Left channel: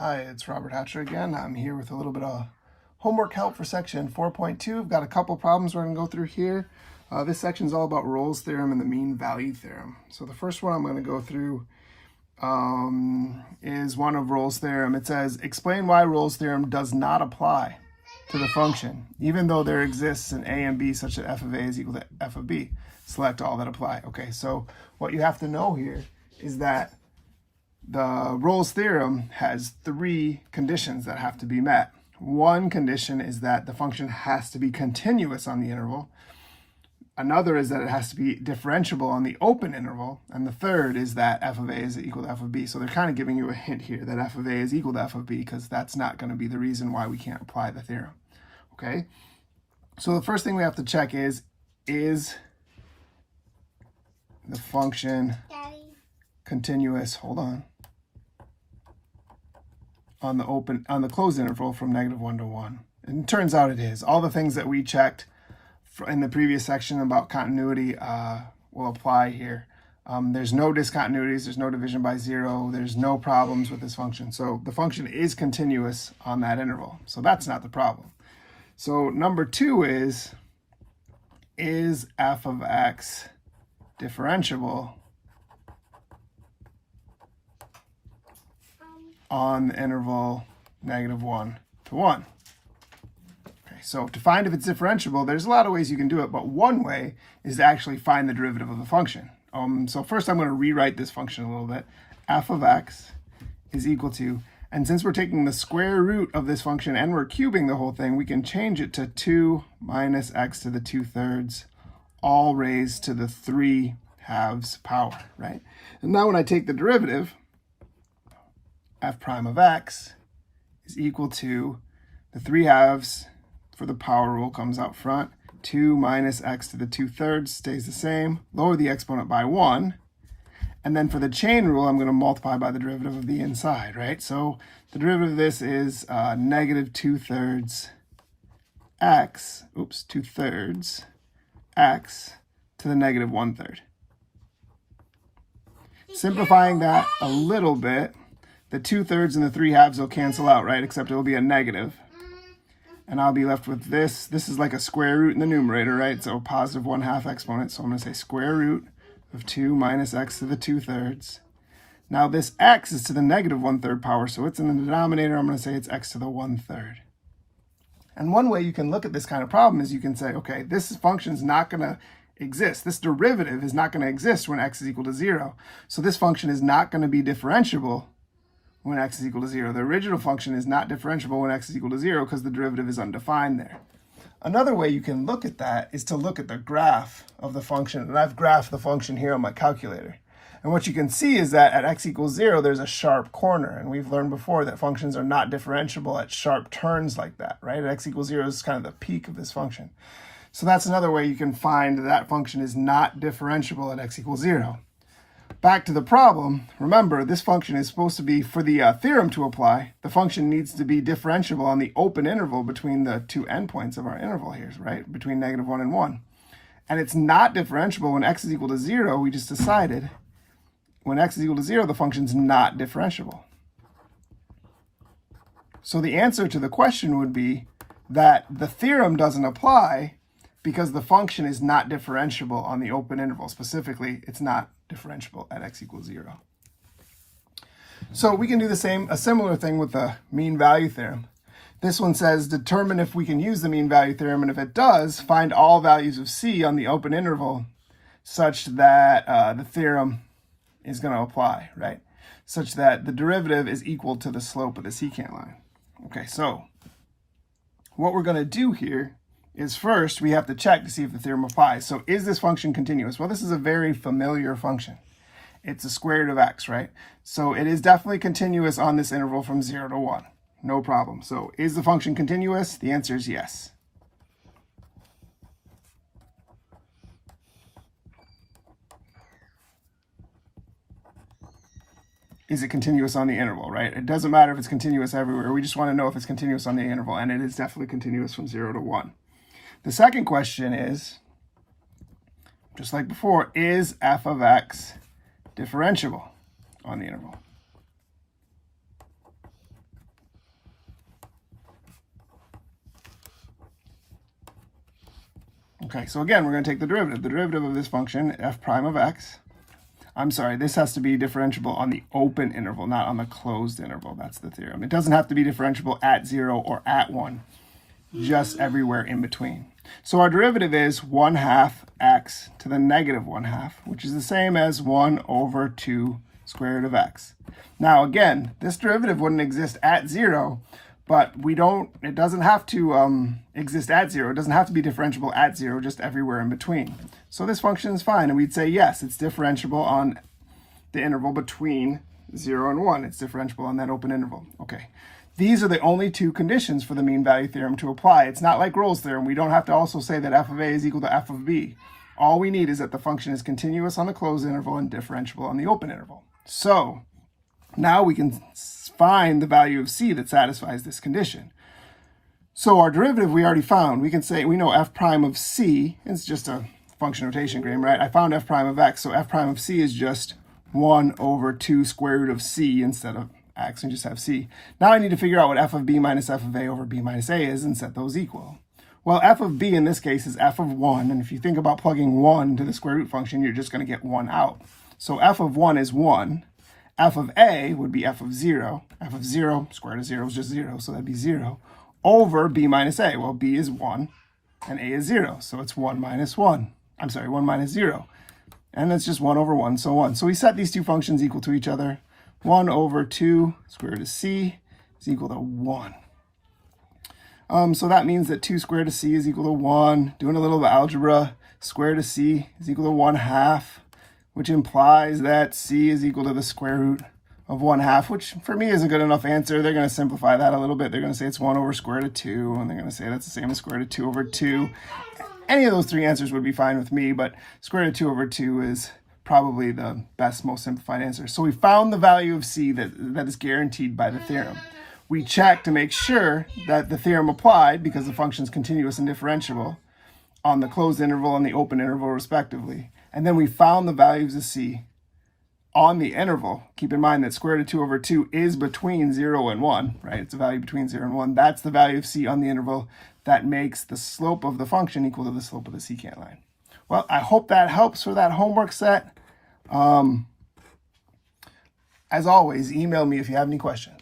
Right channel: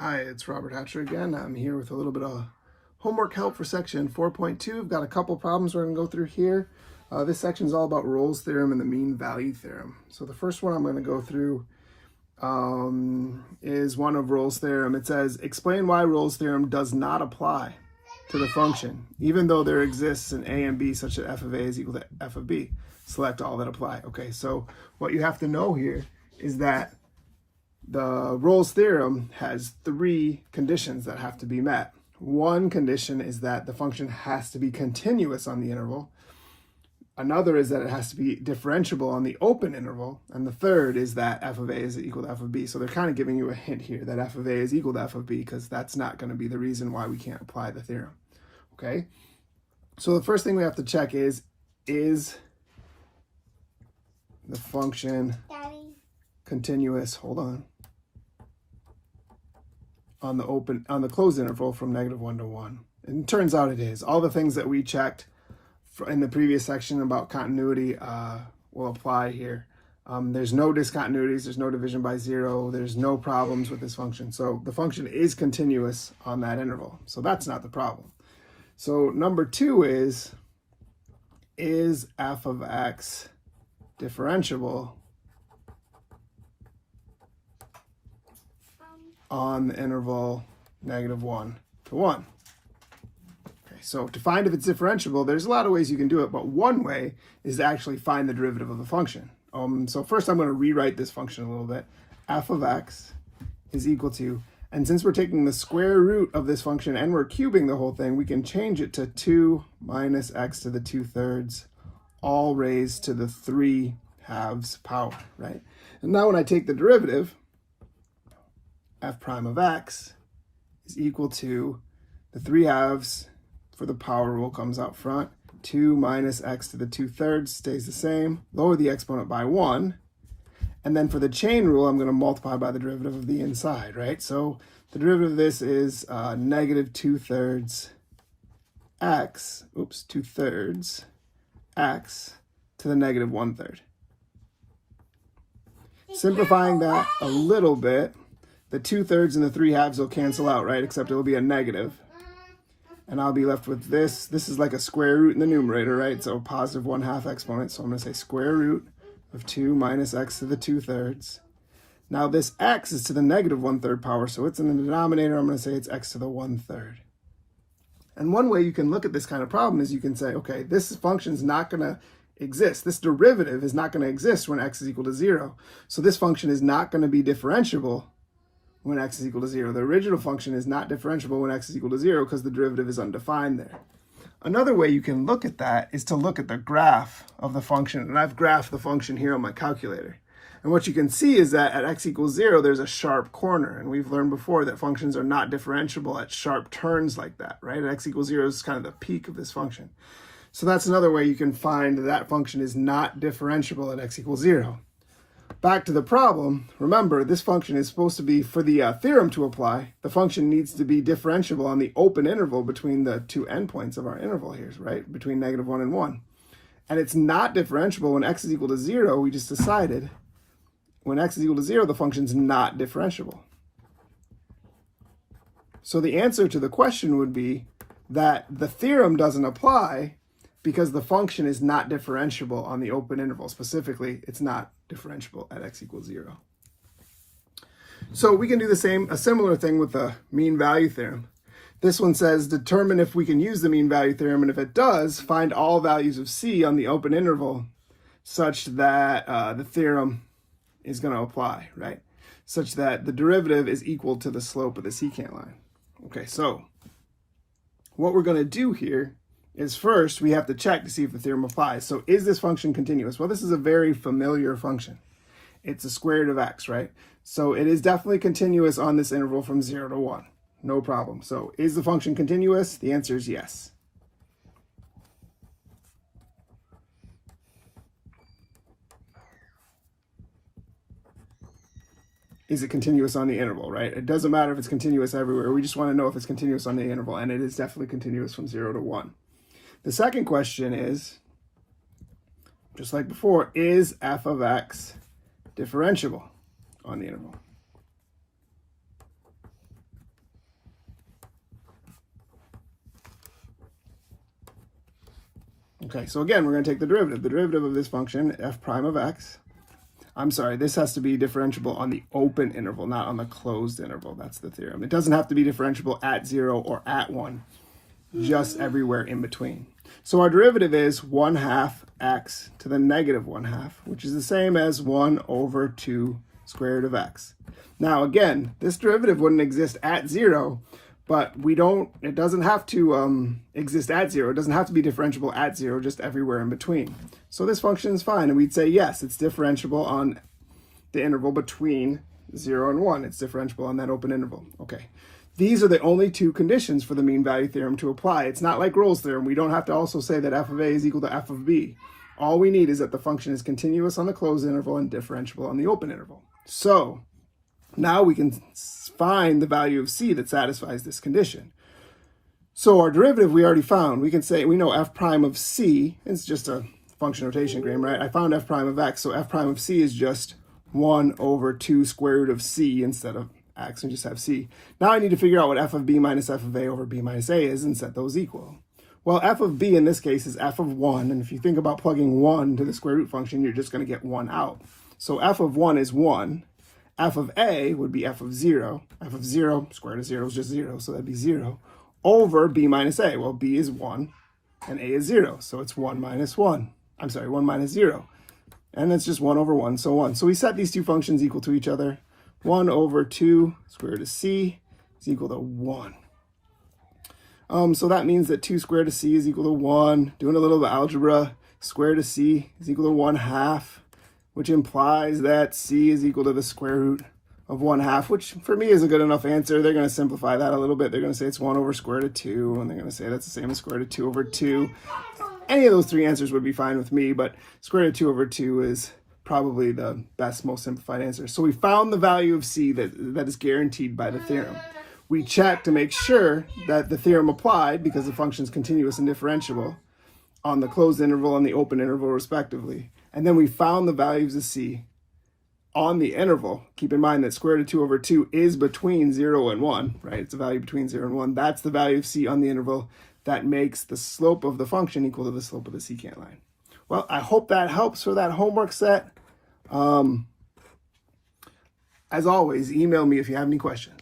Hi, it's Robert Hatcher again. I'm here with a little bit of homework help for section 4.2. I've got a couple problems we're going to go through here. This section is all about Rolle's theorem and the mean value theorem. So the first one I'm going to go through is one of Rolle's theorem. It says, explain why Rolle's theorem does not apply to the function, even though there exists an a and b such that f of a is equal to f of b. Select all that apply. Okay, so what you have to know here is that the Rolle's theorem has three conditions that have to be met. One condition is that the function has to be continuous on the interval. Another is that it has to be differentiable on the open interval. And the third is that f of a is equal to f of b. So they're kind of giving you a hint here that f of a is equal to f of b, because that's not going to be the reason why we can't apply the theorem. Okay? So the first thing we have to check is the function continuous, hold on the closed interval from -1 to 1. And it turns out it is. All the things that we checked in the previous section about continuity will apply here. There's no discontinuities, there's no division by zero, there's no problems with this function. So the function is continuous on that interval. So that's not the problem. So number two is f of x differentiable on the interval -1 to 1. Okay, so to find if it's differentiable, there's a lot of ways you can do it, but one way is to actually find the derivative of the function. So first I'm going to rewrite this function a little bit. F of x is equal to, and since we're taking the square root of this function and we're cubing the whole thing, we can change it to 2 minus x to the 2/3, all raised to the 3/2 power, right? And now when I take the derivative, f prime of x is equal to the 3/2 for the power rule comes out front. 2 minus x to the 2/3 stays the same. Lower the exponent by 1. And then for the chain rule, I'm going to multiply by the derivative of the inside, right? So the derivative of this is -2/3 x, 2/3 x to the -1/3. Simplifying that a little bit, the 2/3 and the 3/2 will cancel out, right? Except it'll be a negative. And I'll be left with this. This is like a square root in the numerator, right? So positive 1/2 exponent. So I'm going to say square root of 2 minus x to the 2/3. Now this x is to the -1/3 power, so it's in the denominator. I'm going to say it's x to the 1/3. And one way you can look at this kind of problem is you can say, okay, this function is not going to exist. This derivative is not going to exist when x is equal to 0. So this function is not going to be differentiable when x is equal to 0. The original function is not differentiable when x is equal to 0 because the derivative is undefined there. Another way you can look at that is to look at the graph of the function. And I've graphed the function here on my calculator. And what you can see is that at x equals 0, there's a sharp corner. And we've learned before that functions are not differentiable at sharp turns like that, right? At x equals 0 is kind of the peak of this function. So that's another way you can find that function is not differentiable at x equals 0. Back to the problem, remember this function is supposed to be, for the theorem to apply, the function needs to be differentiable on the open interval between the two endpoints of our interval here, right? Between -1 and 1. And it's not differentiable when x is equal to 0. We just decided when x is equal to 0, the function's not differentiable. So the answer to the question would be that the theorem doesn't apply because the function is not differentiable on the open interval. Specifically, it's not differentiable at x equals 0. So we can do a similar thing with the mean value theorem. This one says determine if we can use the mean value theorem, and if it does, find all values of c on the open interval such that the theorem is going to apply, right? Such that the derivative is equal to the slope of the secant line. Okay, so what we're going to do here is first we have to check to see if the theorem applies. So is this function continuous? Well, this is a very familiar function. It's a square root of x, right? So it is definitely continuous on this interval from 0 to 1. No problem. So is the function continuous? The answer is yes. Is it continuous on the interval, right? It doesn't matter if it's continuous everywhere. We just want to know if it's continuous on the interval, and it is definitely continuous from 0 to 1. The second question is, just like before, is f of x differentiable on the interval? Okay, so again, we're going to take the derivative. The derivative of this function, f prime of x. I'm sorry, this has to be differentiable on the open interval, not on the closed interval. That's the theorem. It doesn't have to be differentiable at 0 or at 1, just everywhere in between. So our derivative is 1/2 x to the negative 1/2, which is the same as 1 over 2 square root of x. Now again, this derivative wouldn't exist at 0, but it doesn't have to exist at 0. It doesn't have to be differentiable at 0, just everywhere in between. So this function is fine, and we'd say yes, it's differentiable on the interval between 0 and 1. It's differentiable on that open interval. Okay. These are the only two conditions for the mean value theorem to apply. It's not like Rolle's theorem. We don't have to also say that f of a is equal to f of b. All we need is that the function is continuous on the closed interval and differentiable on the open interval. So now we can find the value of c that satisfies this condition. So our derivative we already found. We can say we know f prime of c, it's just a function notation game, right? I found f prime of x, so f prime of c is just 1 over 2 square root of c instead of x, we just have c. Now I need to figure out what f of b minus f of a over b minus a is and set those equal. Well, f of b in this case is f of 1, and if you think about plugging 1 to the square root function, you're just going to get 1 out. So f of 1 is 1. F of a would be f of 0. F of 0, square root of 0 is just 0, so that'd be 0, over b minus a. Well, b is 1, and a is 0, so it's 1 minus 1. I'm sorry, 1 minus 0. And that's just 1 over 1, so 1. So we set these two functions equal to each other. 1 over 2 square root of c is equal to 1. So that means that 2 square root of c is equal to 1. Doing a little algebra, square root of c is equal to 1/2, which implies that c is equal to the square root of 1/2, which for me is a good enough answer. They're going to simplify that a little bit. They're going to say it's 1 over square root of 2, and they're going to say that's the same as square root of 2 over 2. Any of those three answers would be fine with me, but square root of 2 over 2 is probably the best, most simplified answer. So we found the value of c that is guaranteed by the theorem. We checked to make sure that the theorem applied because the function is continuous and differentiable on the closed interval and the open interval respectively. And then we found the values of c on the interval. Keep in mind that square root of 2 over 2 is between 0 and 1, right? It's a value between 0 and 1. That's the value of c on the interval that makes the slope of the function equal to the slope of the secant line. Well, I hope that helps for that homework set. As always, email me if you have any questions.